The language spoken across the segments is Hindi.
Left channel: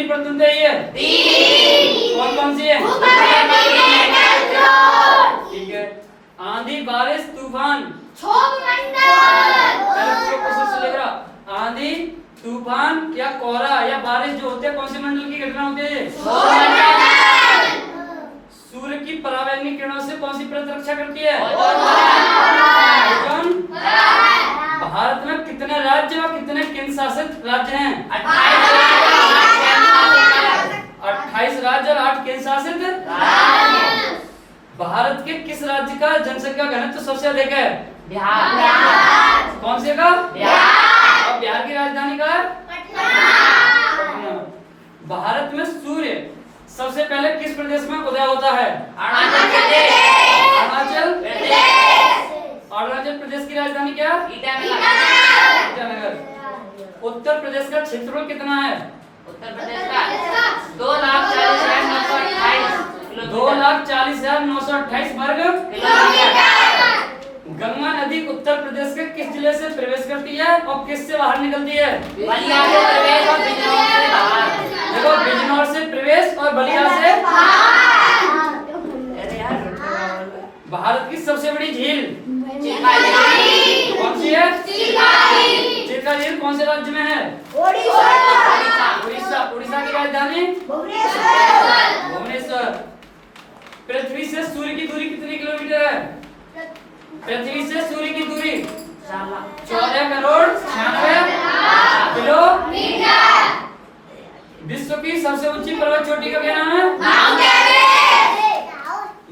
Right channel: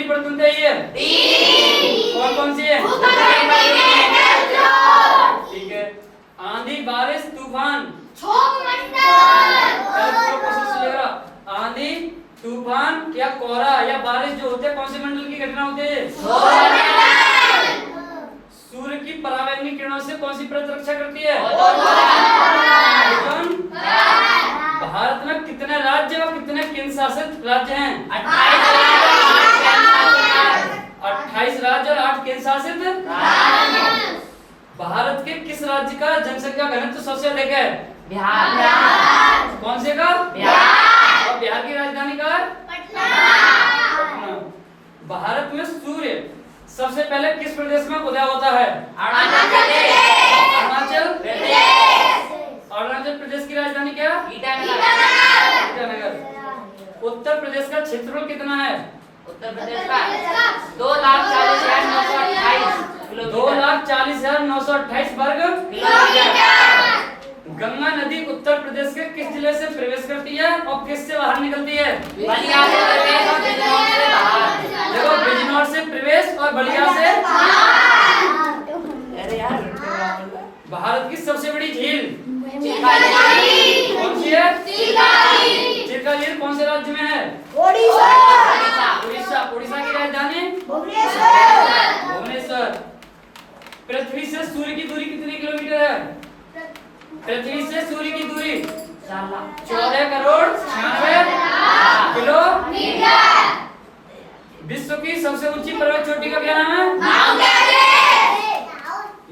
कितनी प्रत्यंत है ये? 3। कौन कौन सी है? ठीक है। आंधी बारिश तूफान आंधी तूफान या कोहरा या बारिश जो होते हैं कौन से मंडल की घटना होती है? सूर्य की परावैंगनी किरणों से कौन सी प्रतिरक्षा करती है? भारत में कितने राज्य और कितने केंद्र शासित राज्य हैं? 28 राज्य और 8 केंद्र शासित। भारत के किस राज्य का जनसंख्या घनत्व सबसे अधिक है? बिहार। कौन से का? बिहार। और बिहार की राजधानी का है? पटना। भारत में सूर्य सबसे पहले किस प्रदेश में उदय होता है? अरुणाचल प्रदेश की राजधानी क्या? ईटानगर। उत्तर प्रदेश का क्षेत्रफल कितना है? उत्तर प्रदेश का 2,40,928 वर्ग किलोमीटर। गंगा नदी उत्तर प्रदेश के किस जिले से प्रवेश करती है और किस से बाहर निकलती है? बलिया से प्रवेश और बिजनौर से बाहर। देखो, बिजनौर से प्रवेश और बलिया से। भारत की सबसे बड़ी झील कौन सी है? चिल्का झील कौन से राज्य में है? उड़ीसा। उड़ीसा की राजधानी भुवनेश्वर। पृथ्वी से सूर्य की दूरी कितनी किलोमीटर है? पृथ्वी से सूर्य की दूरी 14 करोड़ 96 किलोमीटर। विश्व की सबसे ऊंची पर्वत चोटी का क्या नाम है?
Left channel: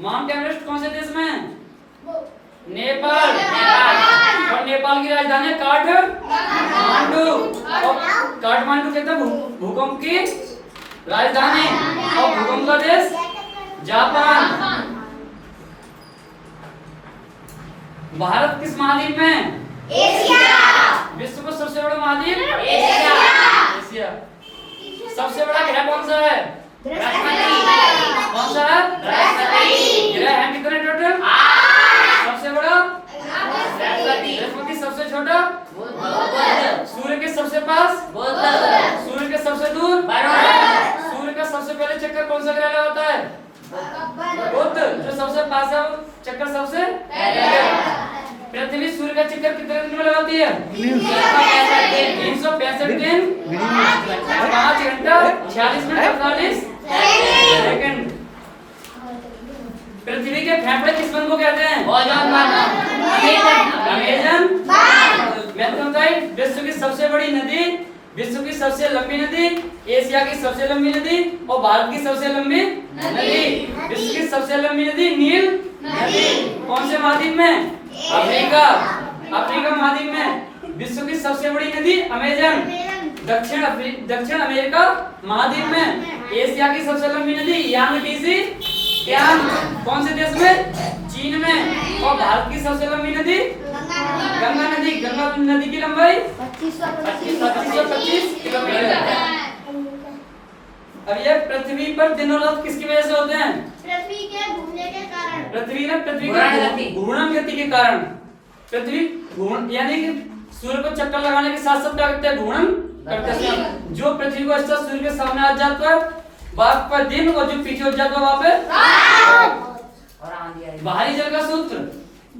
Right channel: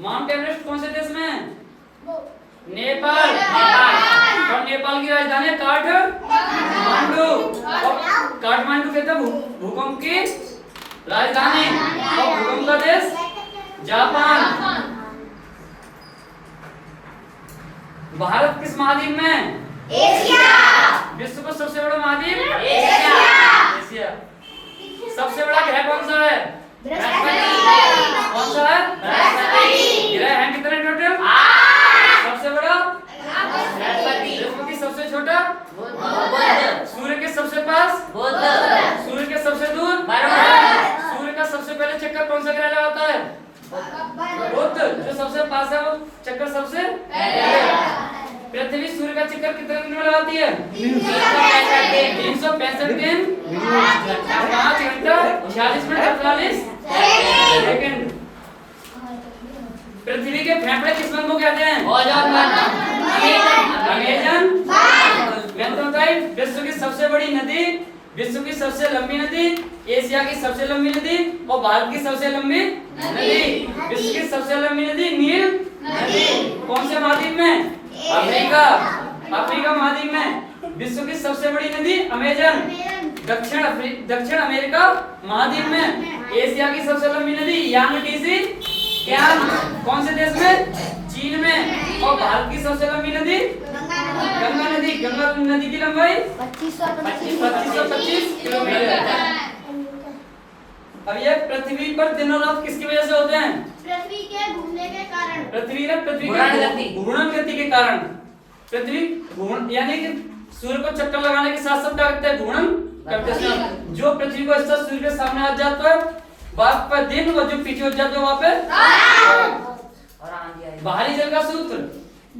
माउंट एवरेस्ट कौन से देश में है? नेपाल। और नेपाल की राजधानी काठमांडू। और काठमांडू कहते हैं भूकंप की राजधानी और भूकंप का देश जापान। भारत किस महाद्वीप में? एशिया। विश्व का सबसे बड़ा महाद्वीप? एशिया। सबसे बड़ा ग्रह कौन सा है? बृहस्पति। कौन सा है? बृहस्पति। ग्रह हैं कितने टोटल? 8। सबसे बड़ा बृहस्पति। बृहस्पति। सबसे छोटा? बुध। सूर्य के सबसे पास? बुध। सूर्य के सबसे दूर? वरुण। सूर्य का सबसे पहले चक्कर कौन सा ग्रह लगाता है? बुध। जो सबसे पास है वो चक्कर सबसे पहले। पृथ्वी सूर्य का चक्कर कितने दिन में लगाती है? 365 दिन 5 घंटा 46 मिनट 48 सेकंड। पृथ्वी के फेफड़े किस वन को कहते हैं? Ozone Amazon one. विश्व की सबसे बड़ी नदी, विश्व की सबसे लंबी नदी, एशिया की सबसे लंबी नदी और भारत की सबसे लंबी नदी। विश्व की सबसे लंबी नदी नील नदी कौन से महाद्वीप में? अफ्रीका। अफ्रीका महाद्वीप में। विश्व की सबसे बड़ी नदी अमेजन दक्षिण अमेरिका महाद्वीप में। एशिया की सबसे लंबी नदी यांगटीसी कौन से देश में? चीन में। और भारत की सबसे लंबी नदी गंगा नदी। गंगा नदी की लंबाई 2525 किलोमीटर। अब ये पृथ्वी पर दिनों रात किसकी वजह से होते हैं? पृथ्वी के घूमने के कारण। पृथ्वी के घूर्णन गति के कारण। पृथ्वी घूर्णन यानी कि सूर्य को चक्कर लगाने के साथ साथ क्या करते हैं? घूर्णन करते हैं। जो पृथ्वी को इस तरह सूर्य के सामने आ जाता है वहां पर दिन और जो पीछे हो जाता है वहां पे बाहरी जल का सूत्र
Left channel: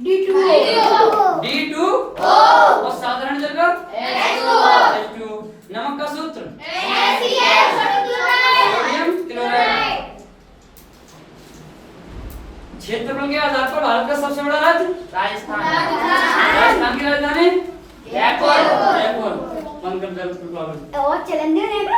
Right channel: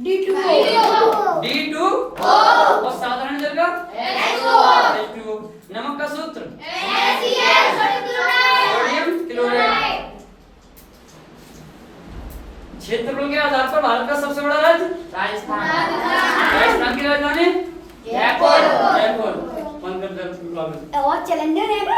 D2 और साधारण जल का H2। नमक का सूत्र सोडियम क्लोराइड। क्षेत्रफल के आधार पर भारत का सबसे बड़ा राज्य? राजस्थान। राजस्थान की राजधानी जयपुर। जयपुर। बंद कर दे उसको। और चैलेंजर है।